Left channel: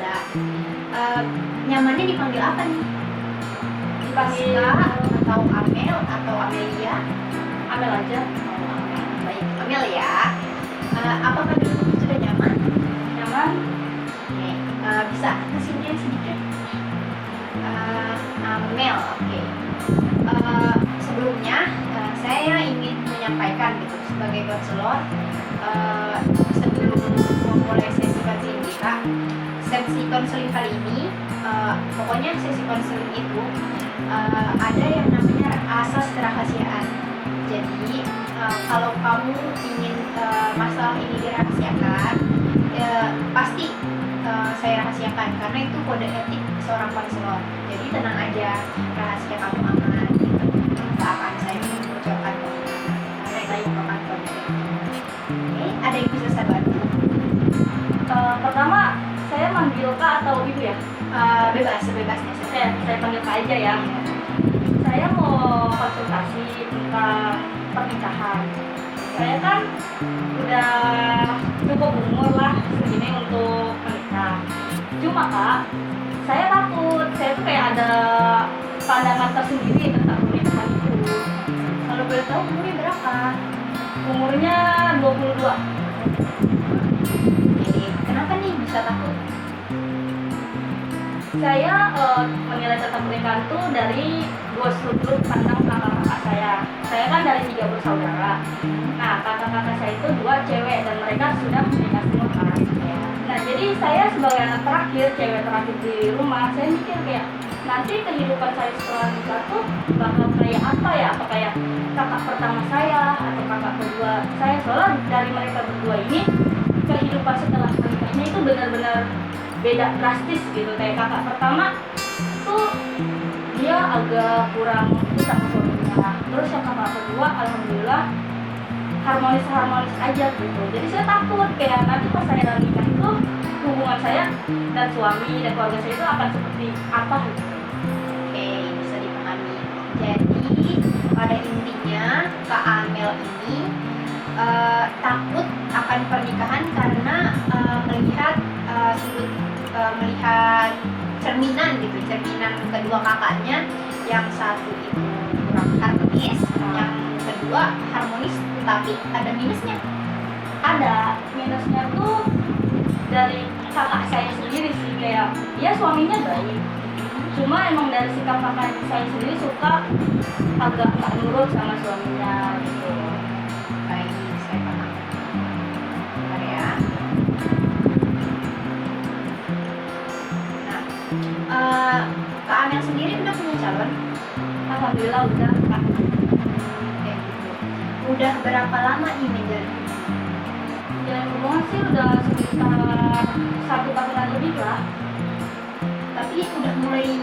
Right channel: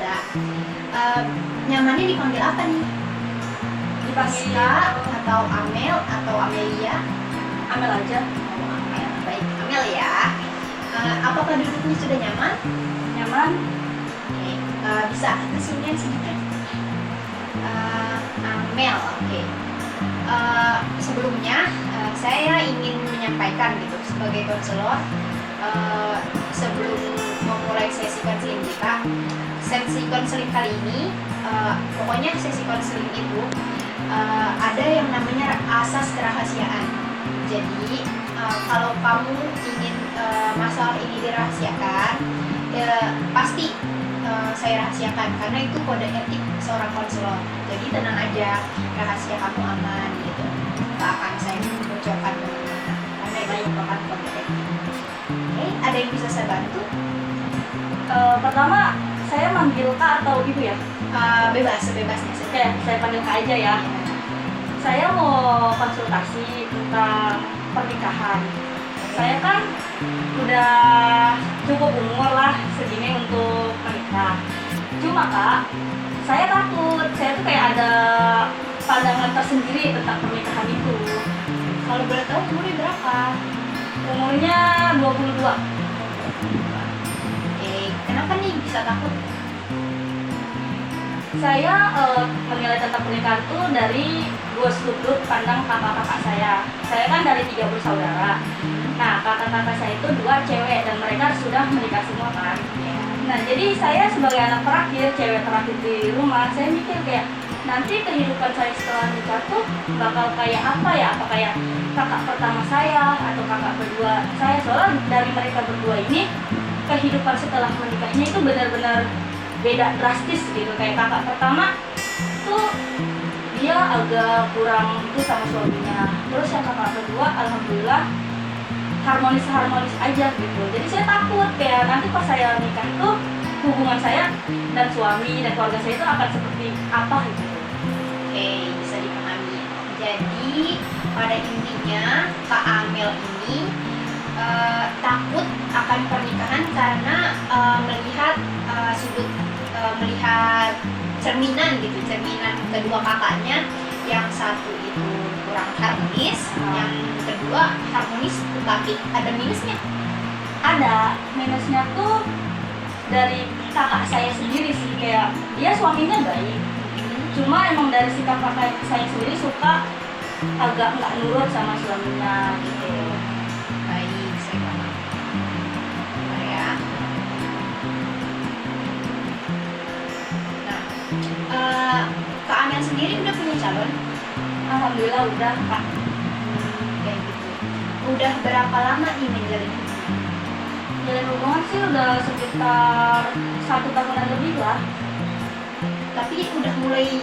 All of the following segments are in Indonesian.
Amanda. Nyamannya dipanggil apa nih? Dipanggil atau Amel atau Amelia? Amel aja. Oh, Amel. Baik, Amel ya. Apakah dulunya sudah nyaman? Nyaman. Oke, bisa kesinian sedikit. Amel, oke. Sebelumnya saya ingin menyampaikan gitu sebagai konselor, sebelum memulai sesi konseling kita, sesi konseling kali ini, pokoknya sesi konseling itu ada yang namanya asas kerahasiaan. Jadi kalau kamu ingin masalah ini dirahasiakan, pasti saya rahasiakan karena itu kode etik seorang konselor. Jadi tenang aja, rahasia kamu aman gitu, nggak akan saya bocorkan kemana-mana karena itu merupakan kode etik. Oke, ada yang bisa saya bantu? Pertama, saya manggil Kak atau Ibu ya? Bebas, sebebasnya. Saya panggil Kak aja ya. Iya. Saya mau konsultasi tentang pernikahan. Saya kan udah cukup umur lah segini untuk menikah. Cuma Kak, saya takut. Saya tuh kayak ada pandangan tersendiri tentang pernikahan itu. Kalau boleh tahu umurnya berapa? Umurnya 22. Oke, kenapa nih bisa takut? Saya menilai tentang pernikahan tuh dari dua sudut pandang kakak-kakak saya. Saya kan dari 3 bersaudara. Nah, kakak-kakak saya itu 2 cewek dan mereka sudah menikah semua kan. Ya. Nah, jadi saya sebagai anak terakhir, cewek terakhir di rumah, saya mikir kayak nanti kehidupan saya setelah nikah tuh bakal kayak apa ya? Apa kayak kakak pertama saya atau kakak kedua saya? Soalnya dari mereka berdua ini kehidupan setelah menikahnya itu benar-benar beda drastis gitu. Kayak kakak pertama tuh dia agak kurang itu sama suaminya. Terus yang kakak kedua alhamdulillah harmonis aja gitu. Jadi saya takut kayak nanti pas saya nikah tuh hubungan saya dan suami dan keluarga saya itu akan seperti apa gitu. Oke, bisa dipahami. Jadi pada intinya Kak Amel ini takut akan pernikahan karena melihat cerminan gitu, cerminan kedua kakaknya, yang satu itu kurang harmonis, yang kedua harmonis tetapi ada minusnya. Ada minusnya tuh dari kakak saya sendiri sih, kayak dia suaminya baik, cuma emang dari sikap kakak saya sendiri suka agak nggak nurut sama suaminya gitu. Baik, saya paham. Bentar ya. Nah, Kak Amel sendiri udah punya calon? Alhamdulillah udah Kak. Kayak gitu. Udah berapa lama nih menjalin hubungan? Jalan hubungan sih udah sekitar 1 tahunan lebih lah. Tapi udah mulai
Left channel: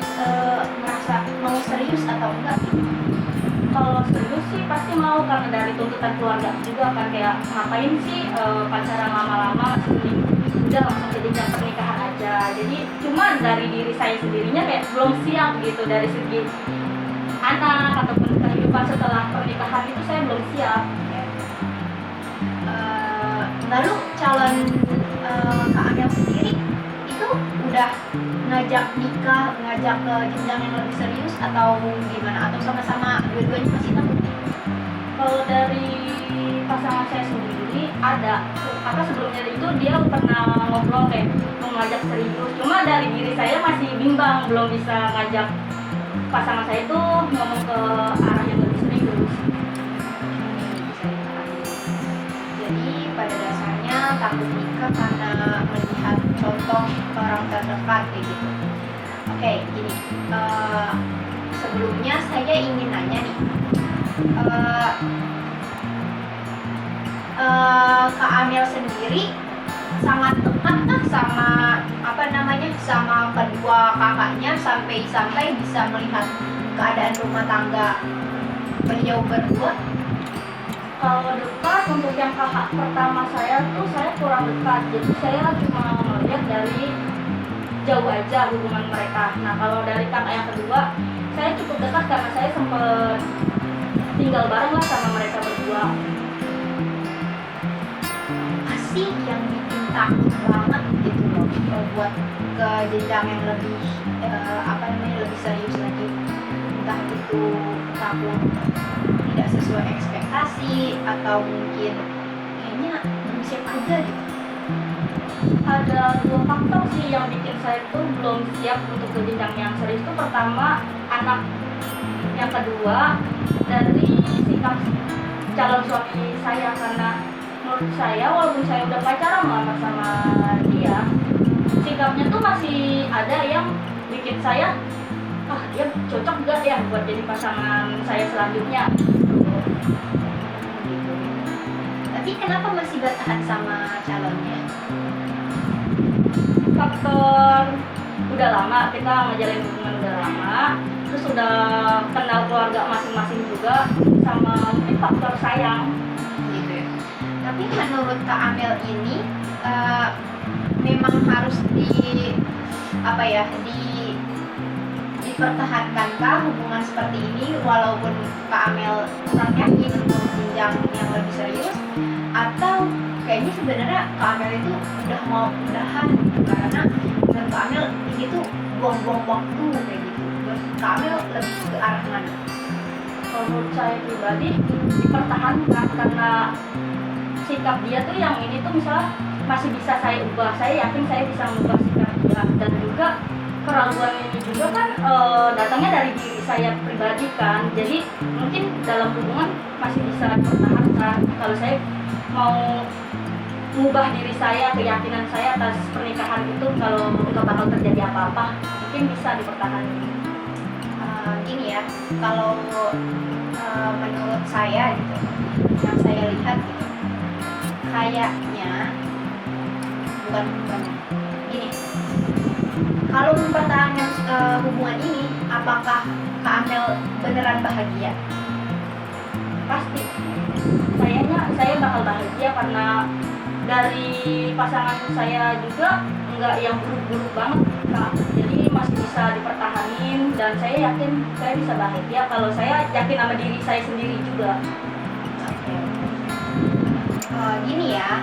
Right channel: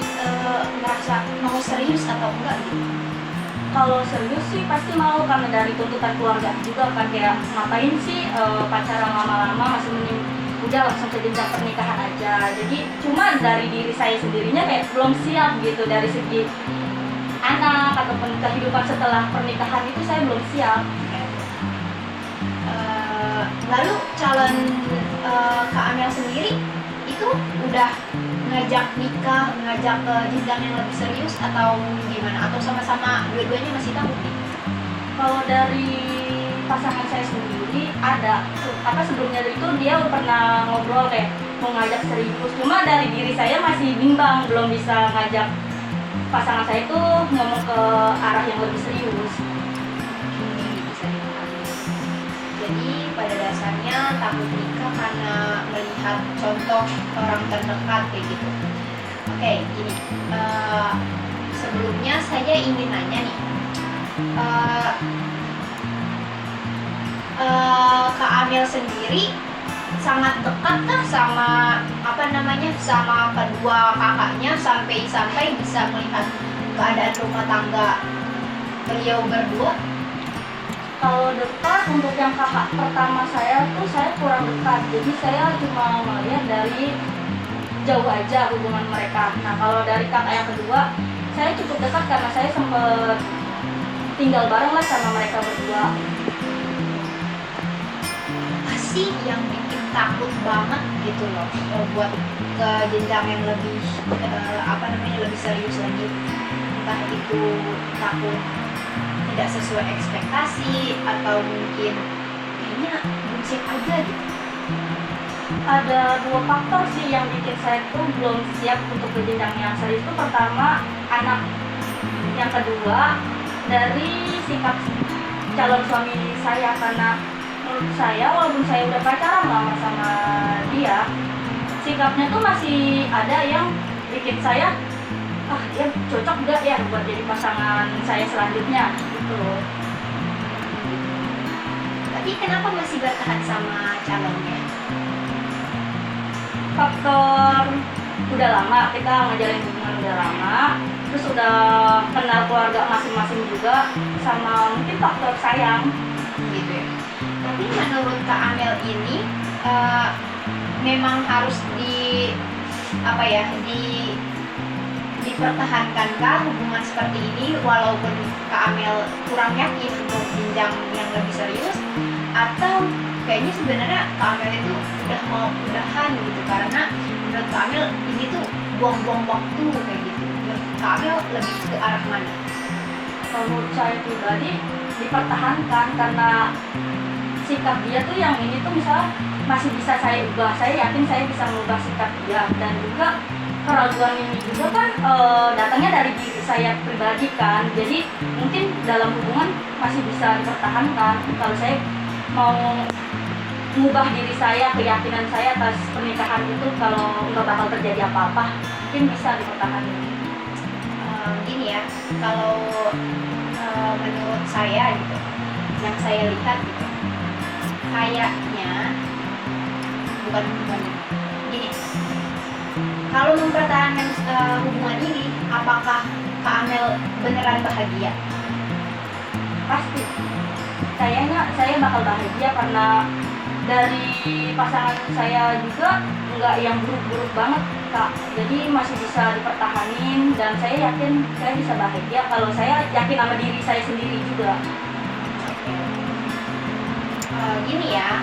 ngerasa mau serius atau enggak gitu? Kalau serius sih pasti mau, karena dari tuntutan keluarga juga kan, kayak ngapain sih pacaran lama-lama, masih mending udah langsung ke jenjang pernikahan aja. Jadi cuma dari diri saya sendirinya kayak belum siap gitu, dari segi anak ataupun kehidupan setelah pernikahan itu saya belum siap. Lalu calon Kak Amel sendiri itu udah ngajak nikah, ngajak ke jenjang yang lebih serius atau gimana? Atau sama-sama dua-duanya masih takut nih? Kalau dari pasangan saya sendiri ada, apa sebelumnya itu dia pernah ngobrol kayak mau ngajak serius, cuma dari diri saya masih bimbang, belum bisa ngajak pasangan saya itu ngomong ke arah yang lebih serius. Ini bisa dipahami. Jadi pada dasarnya takut nikah karena melihat contoh orang terdekat kayak gitu. Oke, gini. Sebelumnya saya ingin nanya nih. Kak Amel sendiri sangat dekat kan sama sama kedua kakaknya sampai bisa melihat keadaan rumah tangga beliau berdua? Kalau dekat untuk yang kakak pertama saya tuh saya kurang dekat, jadi saya cuma melihat dari jauh aja hubungan mereka. Nah kalau dari kakak yang kedua saya cukup dekat karena saya sempat tinggal bareng lah sama mereka berdua. Apa sih yang bikin takut banget gitu loh buat ke jenjang yang lebih lebih serius lagi, entah itu takut tidak sesuai ekspektasi atau mungkin kayaknya belum siap aja gitu. Ada dua faktor sih yang bikin saya tuh belum siap untuk ke jenjang yang serius. Itu pertama anak, yang kedua dari sikap calon suami saya. Karena menurut saya walaupun saya udah pacaran lama sama dia, sikapnya tuh masih ada yang bikin saya dia cocok gak ya buat jadi pasangan saya selanjutnya gitu. Gitu. Tapi kenapa masih bertahan sama calonnya? Faktor udah lama, kita ngejalin hubungan udah lama, terus udah kenal keluarga masing-masing juga, sama mungkin faktor sayang. Gitu ya. Tapi menurut Kak Amel ini memang harus dipertahankankah hubungan seperti ini walaupun Kak Amel kurang yakin untuk jenjang yang lebih serius, atau kayaknya sebenarnya Kak Amel itu udah mau udahan gitu, karena menurut Kak Amel ini tuh buang-buang waktu kayak gitu. Menurut Kak Amel lebih ke arah mana? Kalau menurut saya pribadi dipertahankan, karena sikap dia tuh yang ini tuh misalnya masih bisa saya ubah. Saya yakin saya bisa mengubah sikap dia, dan juga keraguan ini juga kan datangnya dari diri saya pribadi kan. Jadi mungkin dalam hubungan masih bisa dipertahankan. Kalau saya mau mengubah diri saya, keyakinan saya atas pernikahan itu, kalau nggak bakal terjadi apa-apa, mungkin bisa dipertahankan. Gini ya, kalau menurut saya gitu, yang saya lihat gitu, kayaknya bukan gini. Kalau mempertahankan hubungan ini, apakah Kak Amel beneran bahagia? Pasti. Kayaknya saya bakal bahagia, karena dari pasangan saya juga nggak yang buruk-buruk banget, Kak. Jadi masih bisa dipertahanin, dan saya yakin saya bisa bahagia kalau saya yakin sama diri saya sendiri juga. Oke. Gini ya,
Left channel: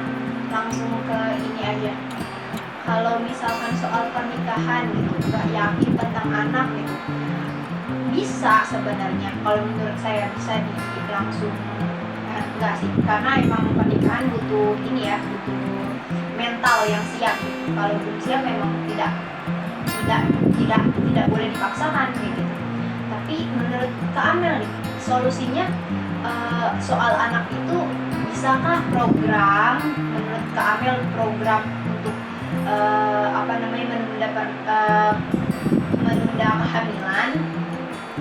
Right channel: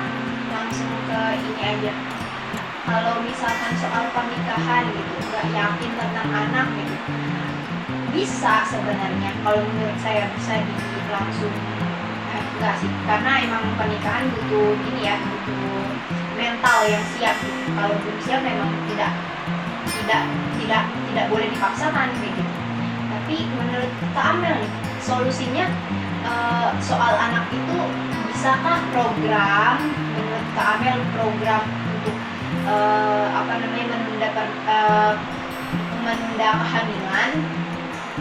langsung ke ini aja. Kalau misalkan soal pernikahan gitu, nggak yakin tentang anak gitu, bisa sebenarnya. Kalau menurut saya bisa langsung enggak sih, karena emang pernikahan butuh ini ya, butuh mental yang siap gitu. Kalau belum siap memang tidak boleh dipaksakan kayak gitu. Tapi menurut Kak Amel nih, solusinya soal anak itu bisakah menurut Kak Amel program untuk menunda kehamilan?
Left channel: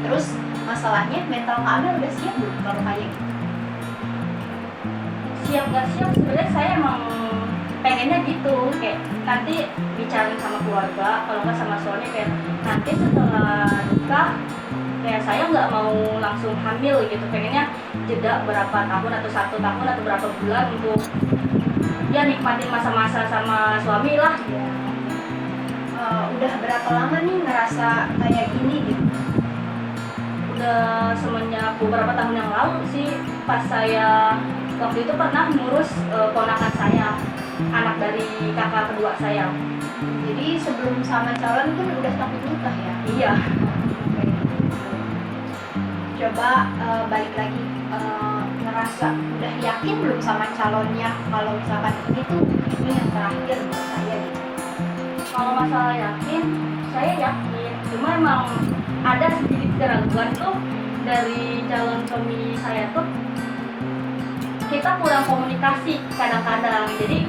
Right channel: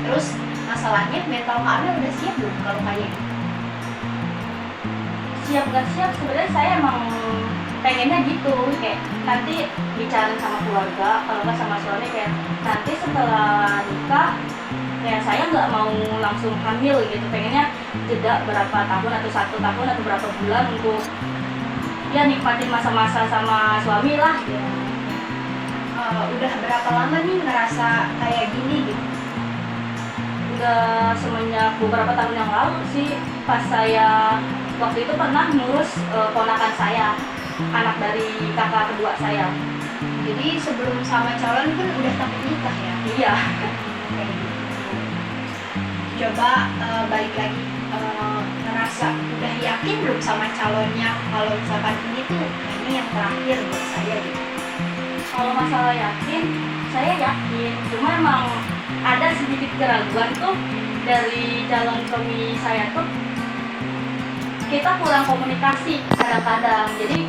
Terus masalahnya mental Kak Amel udah siap belum kalau kayak gitu? Siap gak siap, sebenarnya saya emang pengennya gitu, kayak nanti bicarain sama keluarga, kalau nggak sama suami, kayak nanti setelah nikah kayak saya nggak mau langsung hamil gitu, pengennya jeda berapa tahun atau 1 tahun atau berapa bulan untuk ya nikmatin masa-masa sama suami lah ya. Udah berapa lama nih ngerasa kayak gini gitu? Udah semenjak beberapa tahun yang lalu sih, pas saya waktu itu pernah ngurus ponakan saya, anak dari kakak kedua saya. Jadi sebelum sama calon pun udah takut nikah ya? Iya. Kayak gitu. Coba balik lagi, ngerasa udah yakin belum sama calonnya kalau misalkan ini tuh kayaknya yang terakhir buat saya gitu? Kalau masalah yakin, saya yakin, cuma emang ada sedikit keraguan tuh dari calon suami saya tuh, kita kurang komunikasi kadang-kadang, jadi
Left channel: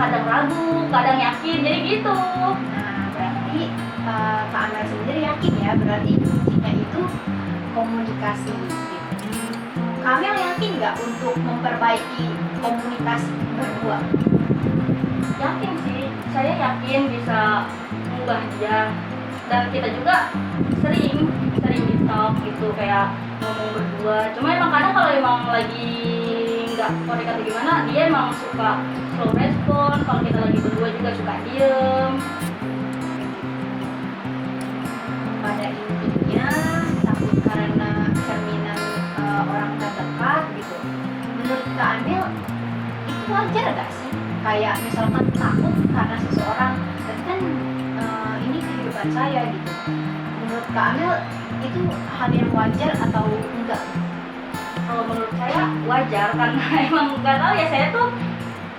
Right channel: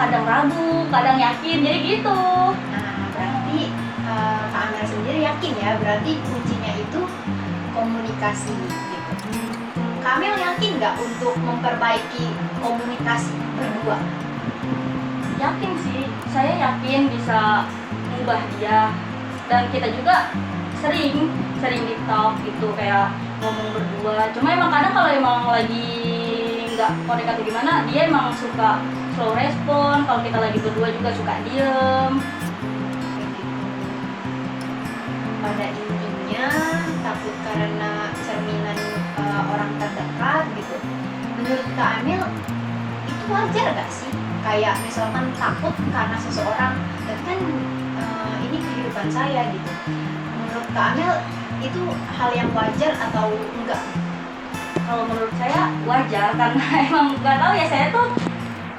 kadang ragu, kadang yakin, jadi gitu. Nah, berarti Kak Amel sendiri yakin ya, berarti kuncinya itu komunikasi gitu. Kak Amel yakin nggak untuk memperbaiki komunikasi berdua? Yakin sih, saya yakin bisa mengubah dia, dan kita juga sering di talk gitu, kayak ngomong berdua. Cuma emang kadang kalau emang lagi nggak connect atau gimana, dia emang suka slow respon. Kalau kita lagi berdua juga suka diem. Kayak gitu. Pada intinya takut karena cerminan orang terdekat gitu. Menurut Kak Amel itu wajar gak sih? Kayak misalkan takut karena seseorang, tapi kan ini kehidupan saya gitu. Menurut Kak Amel itu hal yang wajar atau enggak? Kalau menurut saya wajar, karena emang nggak tahu ya, saya tuh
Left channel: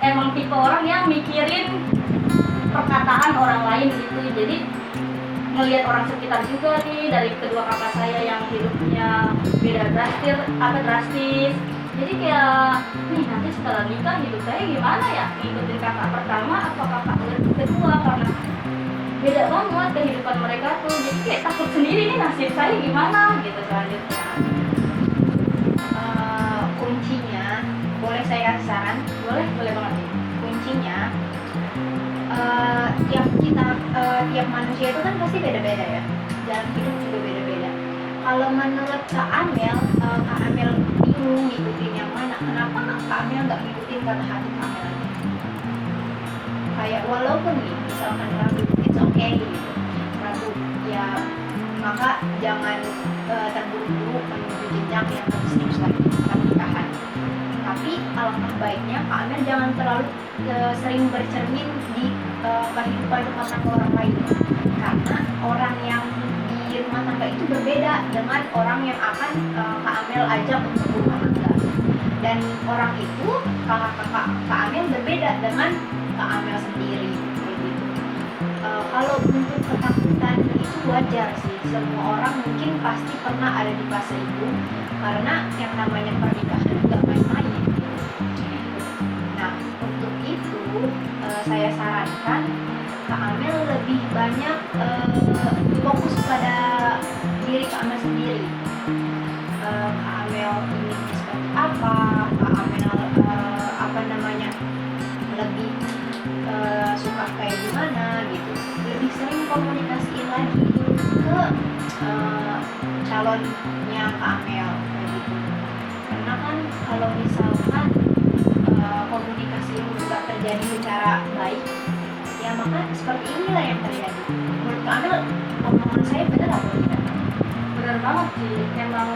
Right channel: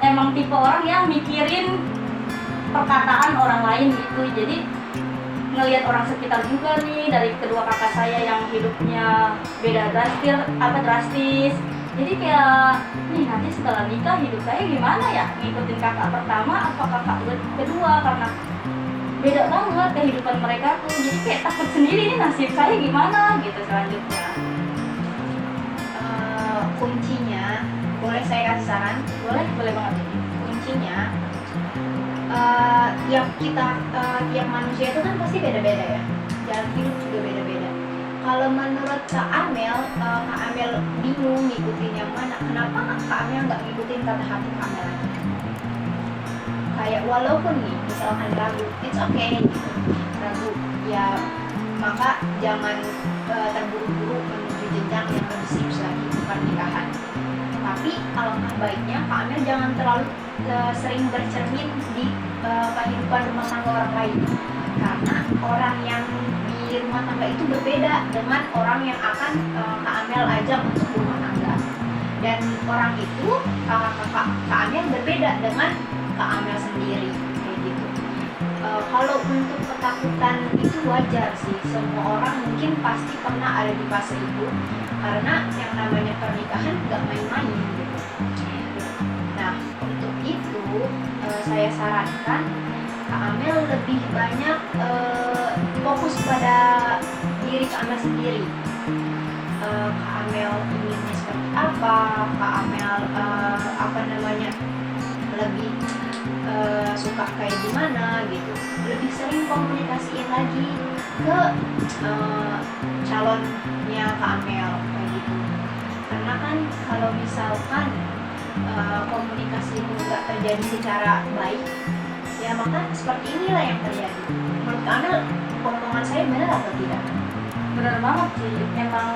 emang tipe orang yang mikirin perkataan orang lain gitu. Jadi ngelihat orang sekitar juga nih, dari kedua kakak saya yang hidupnya beda drastis. Jadi kayak nih, nanti setelah nikah hidup saya gimana ya, ngikutin kakak pertama atau kakak kedua, karena beda banget kehidupan mereka tuh. Jadi kayak takut sendiri nih, nasib saya gimana gitu selanjutnya. Kuncinya, boleh saya kasih saran? Boleh banget ini. Kuncinya tiap manusia itu kan pasti beda-beda ya, jalan hidup juga beda-beda. Kalau menurut Kak Amel bingung ngikutin yang mana, kenapa Kak Amel nggak ngikutin kata hati Kak Amel aja? Kayak walaupun nih misalkan ragu, it's okay gitu, ragu ya, maka jangan terburu-buru menuju jenjang yang lebih serius lagi, pernikahan. Tapi alangkah baiknya Kak Amel jangan terlalu sering bercermin di kehidupan rumah tangga orang lain, karena orang yang di rumah tangga itu berbeda dengan orang yang akan Kak Amel ajak untuk berumah tangga, dan orang itu Kak Amel berbeda dengan Kak Amel sendiri, kayak gitu. Kalau untuk ketakutan itu wajar sih, semua orang mungkin pasti pernah ada di fase itu, karena yang namanya pernikahan nggak main-main gitu. Nah, untuk itu saya sarankan Kak Amel lebih banyak fokus pada diri Kak Amel sendiri. Kak Amel inginnya seperti apa, Kak Amel lebih suka kayak gimana gitu. Lebih sering komunikasiin lagi ke calonnya Kak Amel kayak gitu. Karena kan kalau misalkan komunikasi itu nggak terjadi secara baik, ya maka seperti inilah yang terjadi. Menurut Kak Amel, omongan saya benar atau tidak? Benar banget sih, emang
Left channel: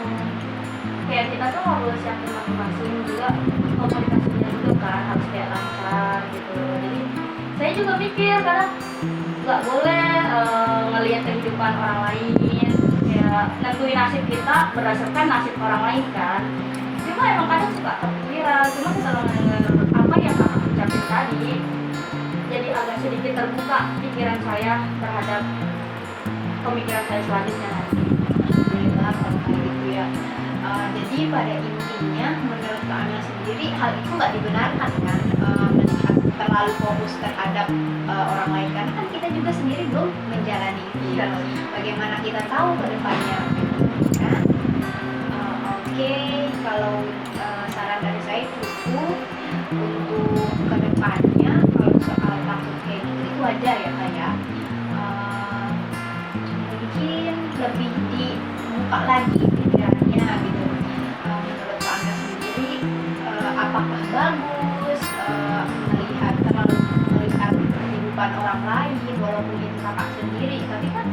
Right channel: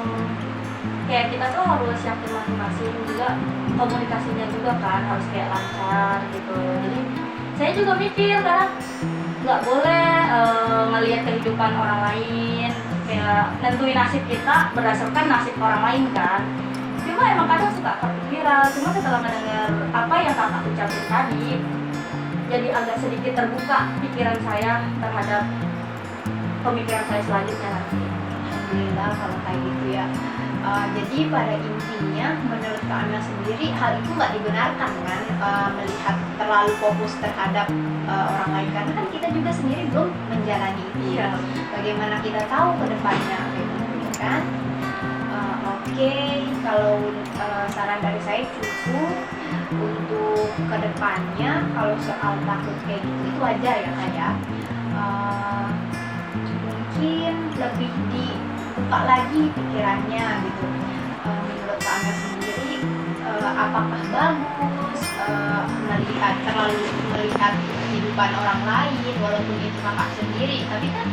kayak kita tuh harus yakin masing-masing juga, komunikasinya juga kan harus kayak lancar gitu. Jadi saya juga mikir, karena nggak boleh ngelihat kehidupan orang lain, kayak nentuin nasib kita berdasarkan nasib orang lain kan. Cuma emang kadang suka kepikiran, cuma setelah mendengar apa yang kakak ucapin tadi, jadi agak sedikit terbuka pikiran saya terhadap pemikiran saya selanjutnya nanti. Alhamdulillah kalau kayak gitu ya. Jadi pada intinya menurut Kak Amel sendiri hal itu nggak dibenarkan kan, melihat terlalu fokus terhadap orang lain, karena kan kita juga sendiri belum menjalani itu. Iya. Bagaimana kita tahu ke depannya kayak gitu ya kan? Oke, kalau saran dari saya cukup untuk ke depannya. Kalau soal takut kayak gitu itu wajar ya Kak ya. Mungkin lebih dibuka lagi pikirannya gitu. Menurut Kak Amel sendiri, apakah bagus terlalu melihat kehidupan orang lain walaupun itu kakak sendiri, tapi kan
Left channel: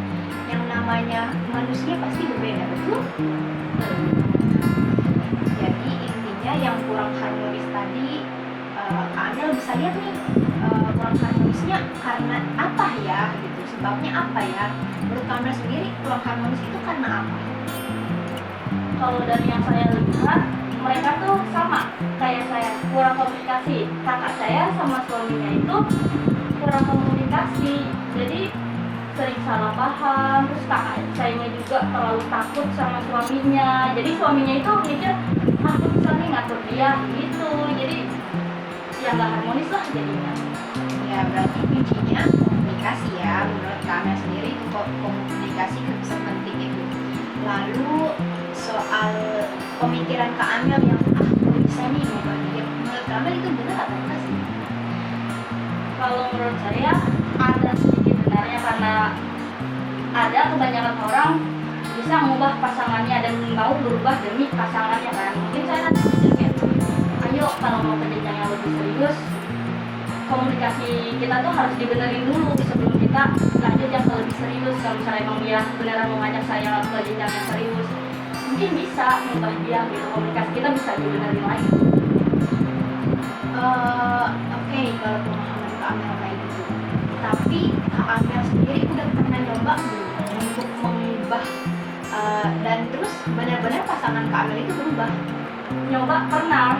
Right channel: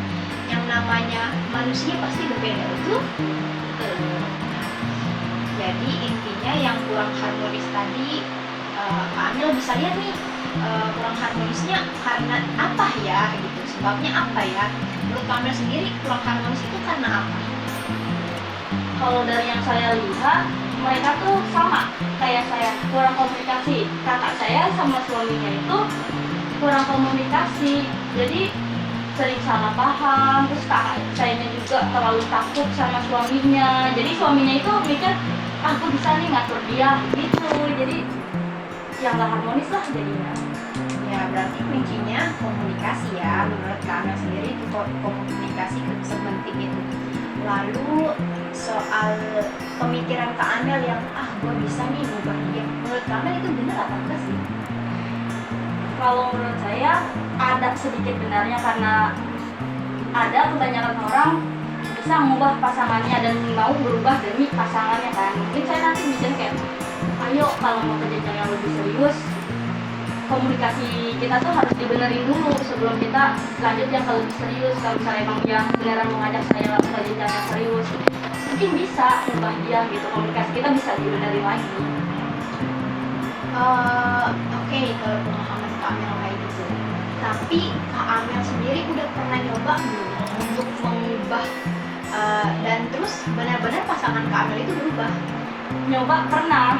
yang namanya manusia pasti berbeda, betul? Jadi intinya yang kurang harmonis tadi, Kak Amel bisa lihat nih, kurang harmonisnya karena apa ya gitu, sebabnya apa ya? Menurut Kak Amel sendiri kurang harmonis itu karena apa? Kalau dari yang saya lihat, mereka tuh sama kayak saya, kurang komunikasi. Kakak saya sama suaminya itu kurang komunikasi, jadi sering salah paham. Terus kakak sayanya juga terlalu takut sama suaminya, jadi suaminya itu mikir, aku bisa nih ngatur dia gitu. Jadi ya nggak harmonis lah jadinya. Ya berarti kuncinya komunikasi ya, menurut Kak Amel sendiri itu komunikasi sepenting itu. Lalu soal pemikiran Kak Amel yang gue bisa nih ngubah dia, menurut Kak Amel itu benar apa enggak sih? Kalau menurut saya ada sedikit benarnya, karena ada kebanyakan orang bisa mengubah pasangannya dan mau berubah demi pasangannya kan. Mungkin saya nanti mikir kayak, ayo kalau mau ke jenjang yang lebih serius, komunikasi kita tuh harus dibenerin dulu sebelum kita lanjut yang ke lebih serius. Kalau misalnya emang dia beneran mengajak saya ke jenjang yang serius, mungkin bisa mengubah dia gitu, komunikasi kita bisa dibenerin lagi. Oke, kalau pemahaman Kak Amel kayak gitu, tapi Kak Amel nyoba belum untuk mengubah dan terus benar-benar pasangan Kak Amel itu berubah? Nyoba pernah,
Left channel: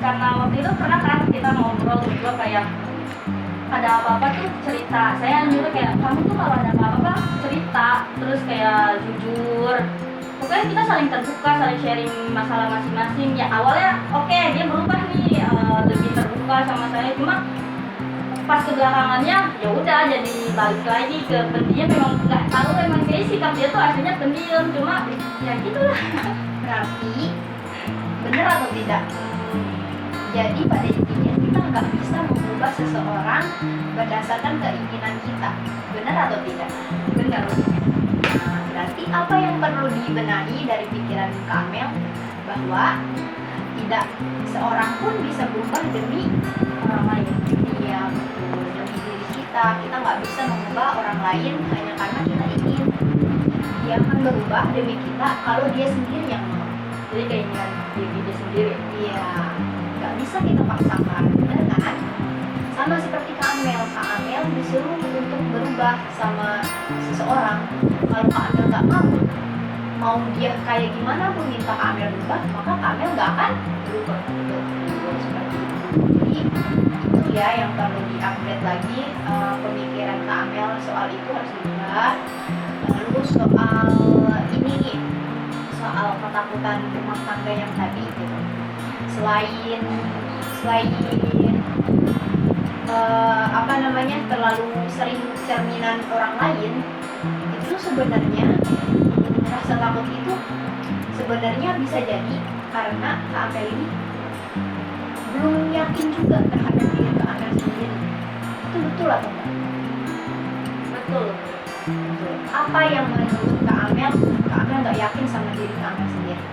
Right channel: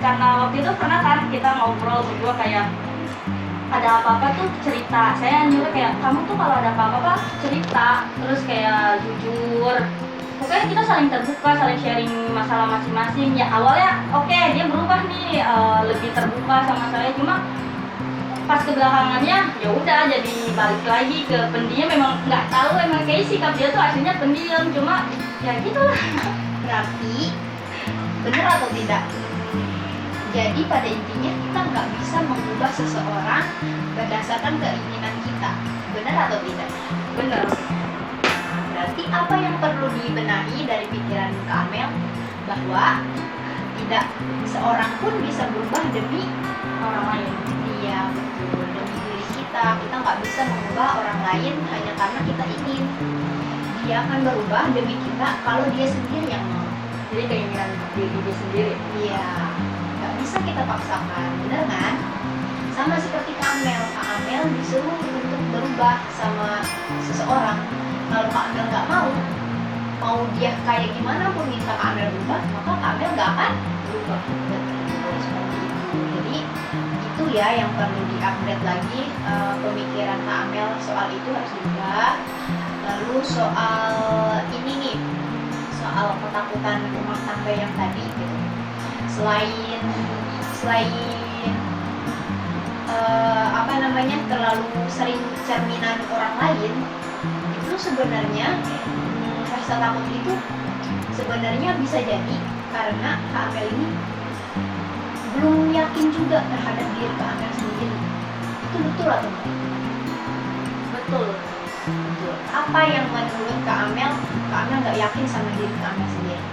karena waktu itu pernah kan kita ngobrol berdua kayak ada apa-apa tuh cerita. Saya nyuruh kayak kamu tuh kalau ada apa-apa cerita, terus kayak jujur. Pokoknya kita saling terbuka, saling sharing masalah masing-masing. Ya awalnya oke, dia berubah nih, lebih terbuka sama saya. Cuma pas kebelakangannya ya udah jadi balik lagi ke pendiam. Memang nggak tahu, emang kayak sikap dia tuh aslinya pendiam. Cuma ya gitu lah. Berarti benar atau tidak? Jadi pada intinya kita nggak bisa mengubah seseorang berdasarkan keinginan kita, benar atau tidak? Bener. Nah, berarti apa yang perlu dibenahi dari pikiran Kak Amel bahwa tidak seorang pun bisa berubah demi Orang lain. dia, betul, demi diri kita. Kita nggak bisa mengubah orang lain hanya karena kita ingin. Dia akan berubah demi kita kalau dia sendiri yang mau. Jadi keinginan diri dia sendiri. Iya, nggak bisa kita paksakan, bener kan? Sama seperti Kak Amel disuruh untuk berubah sama seseorang. Kalau Kak Amel nggak mau dia kayak gimana pun minta Kak Amel berubah, maka Kak Amel nggak akan berubah. Betul, seperti itu. Jadi itu ya yang perlu di-upgrade lagi, pemikiran Kak Amel soal itu harus diubah. Lalu soal ini nih, soal ketakutan rumah tangga yang tadi gitu. Selain terlalu sering cerminan orang lain, itu sebenarnya rasa takut itu sebenarnya bisa jadi karena Kak Amel ini belum yakin juga terhadap diri Kak Amel sendiri. Itu betul atau enggak? Betul. Betul. Apa yang menurut Kak Amel nggak yakin sama diri Kak Amel sendiri?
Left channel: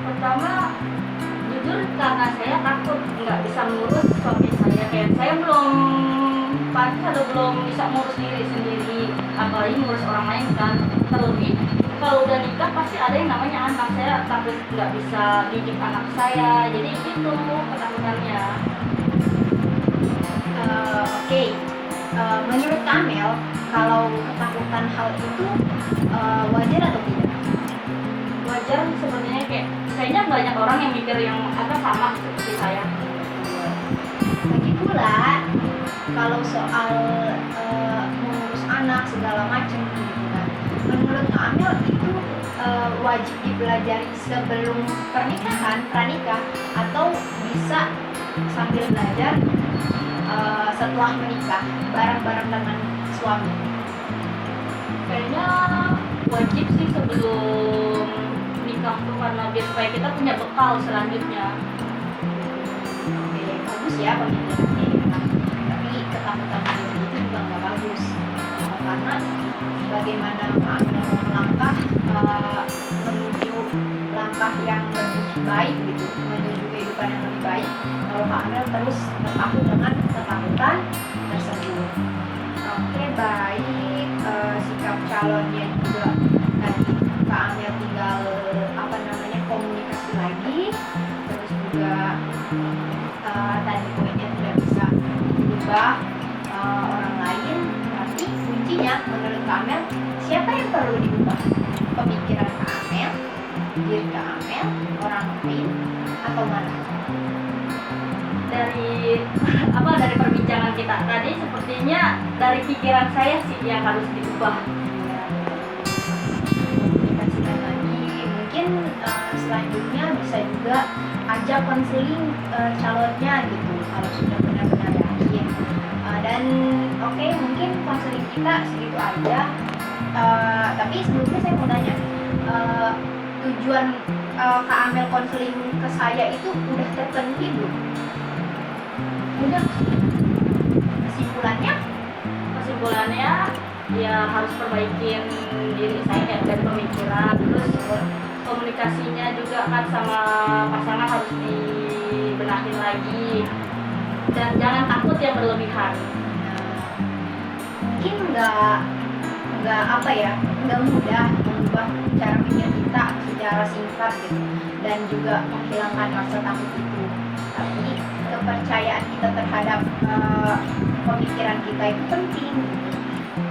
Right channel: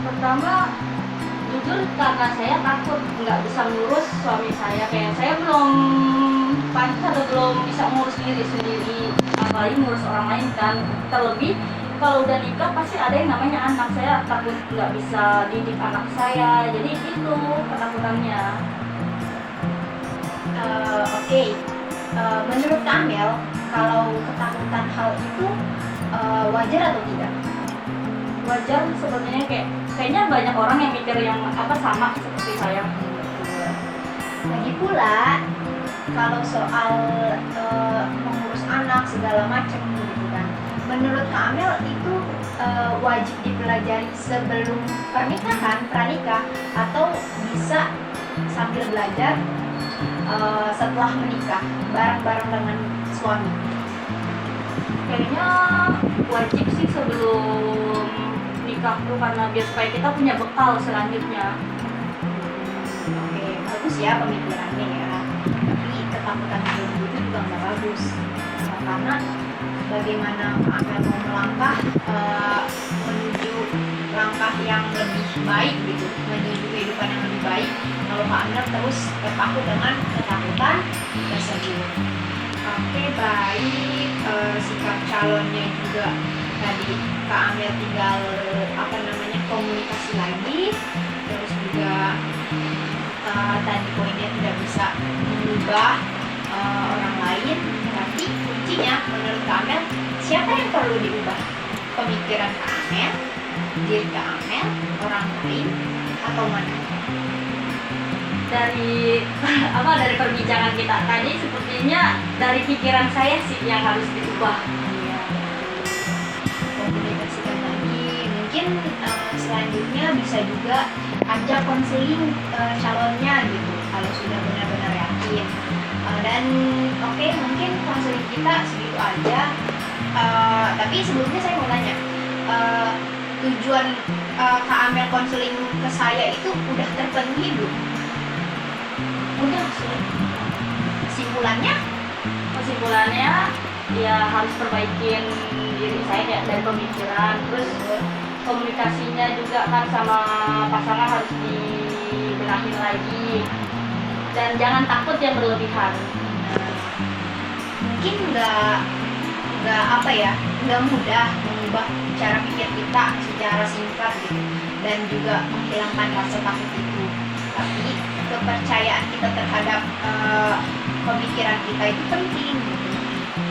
Pertama, jujur karena saya takut nggak bisa ngurus suami saya. Kayak saya belum pantas atau belum bisa ngurus diri sendiri, apalagi ngurus orang lain kan. Terlebih kalau udah nikah pasti ada yang namanya anak. Saya takut nggak bisa didik anak saya, jadi itu ketakutannya. Oke. Menurut Kak Amel, kalau ketakutan hal itu wajar atau tidak? Wajar sebenarnya, kayaknya banyak orang yang mikir yang sama seperti saya. Betul. Lagi pula kalau soal mengurus anak segala macam gitu kan, menurut Kak Amel itu wajib dipelajari sebelum pranikah, atau bisa sambil belajar setelah menikah bareng-bareng dengan suami? Kayaknya wajib sih sebelum nikah tuh, karena biar supaya kita punya bekal selanjutnya. Oke, bagus ya pemikirannya ya. Tapi ketakutan berlebih itu juga nggak bagus, karena bagaimana Kak Amel mau melangkah menuju langkah yang lebih baik gitu, menuju kehidupan yang lebih baik, kalau Kak Amel terus terpaku dengan ketakutan tersebut. Oke, baik. Sikap calonnya juga tadi Kak Amel tinggal komunikasi lagi, terus juga tadi poinnya tidak bisa mengubah orang lain. Berarti kuncinya menurut Kak Amel, siapa yang perlu diubah? Pemikiran Kak Amel, diri Kak Amel, orang lain, atau mana? Dari dari perbincangan kita tadi, sepertinya dari pikiran saya sih yang harus diubah. Iya, komunikasikan lagi. Mungkin selanjutnya bisa juga ajak konseling calonnya gitu kalau sudah benar-benar yakin. Dan oke, mungkin konseling kita segitu aja. Tapi sebelumnya saya mau tanya, tujuan Kak Amel konseling ke saya itu udah terpenuhi belum? Udah sih. Kesimpulannya ya harus perbaikin diri saya, kayak dari pemikiran, terus komunikasinya juga kan sama pasangan harus dibenahin lagi, dan jangan takut yang berlebihan. Mungkin nggak mudah mengubah cara pikir kita secara singkat gitu, dan juga menghilangkan rasa takut itu. Tapi kepercayaan kita terhadap pemikiran kita itu penting gitu.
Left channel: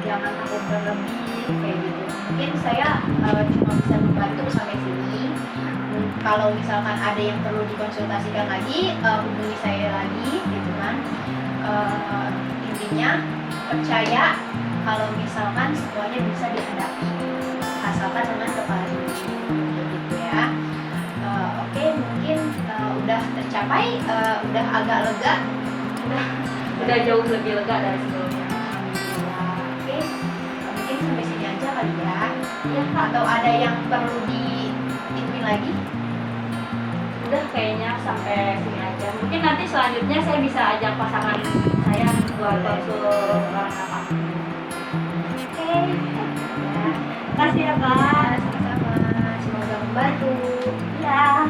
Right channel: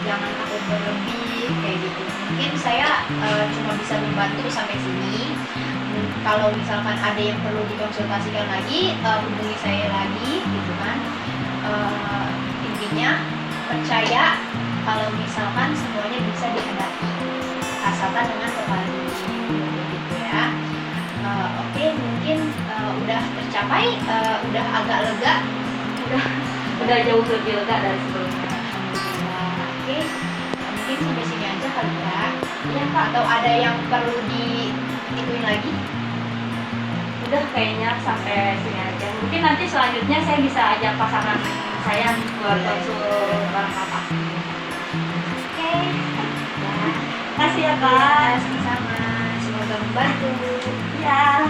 jangan takut berlebih kayak gitu. Mungkin saya cuma bisa membantu sampai sini. Kalau misalkan ada yang perlu dikonsultasikan lagi, hubungi saya lagi gitu kan. Intinya percaya kalau misalkan semuanya bisa dihadapi asalkan dengan kepala dingin gitu ya. Oke, mungkin udah tercapai, udah agak lega, udah jauh lebih lega dari sebelumnya. alhamdulillah. Oke, mungkin sampai sini aja kali ya. Iya Kak, Atau ada yang perlu diituin lagi? udah kayaknya sampai sini aja. Mungkin nanti selanjutnya saya bisa ajak pasangan saya buat Boleh. konsul orang kata. Oke, Ya, kasih ya Kak. sama-sama. Semoga membantu. Ya.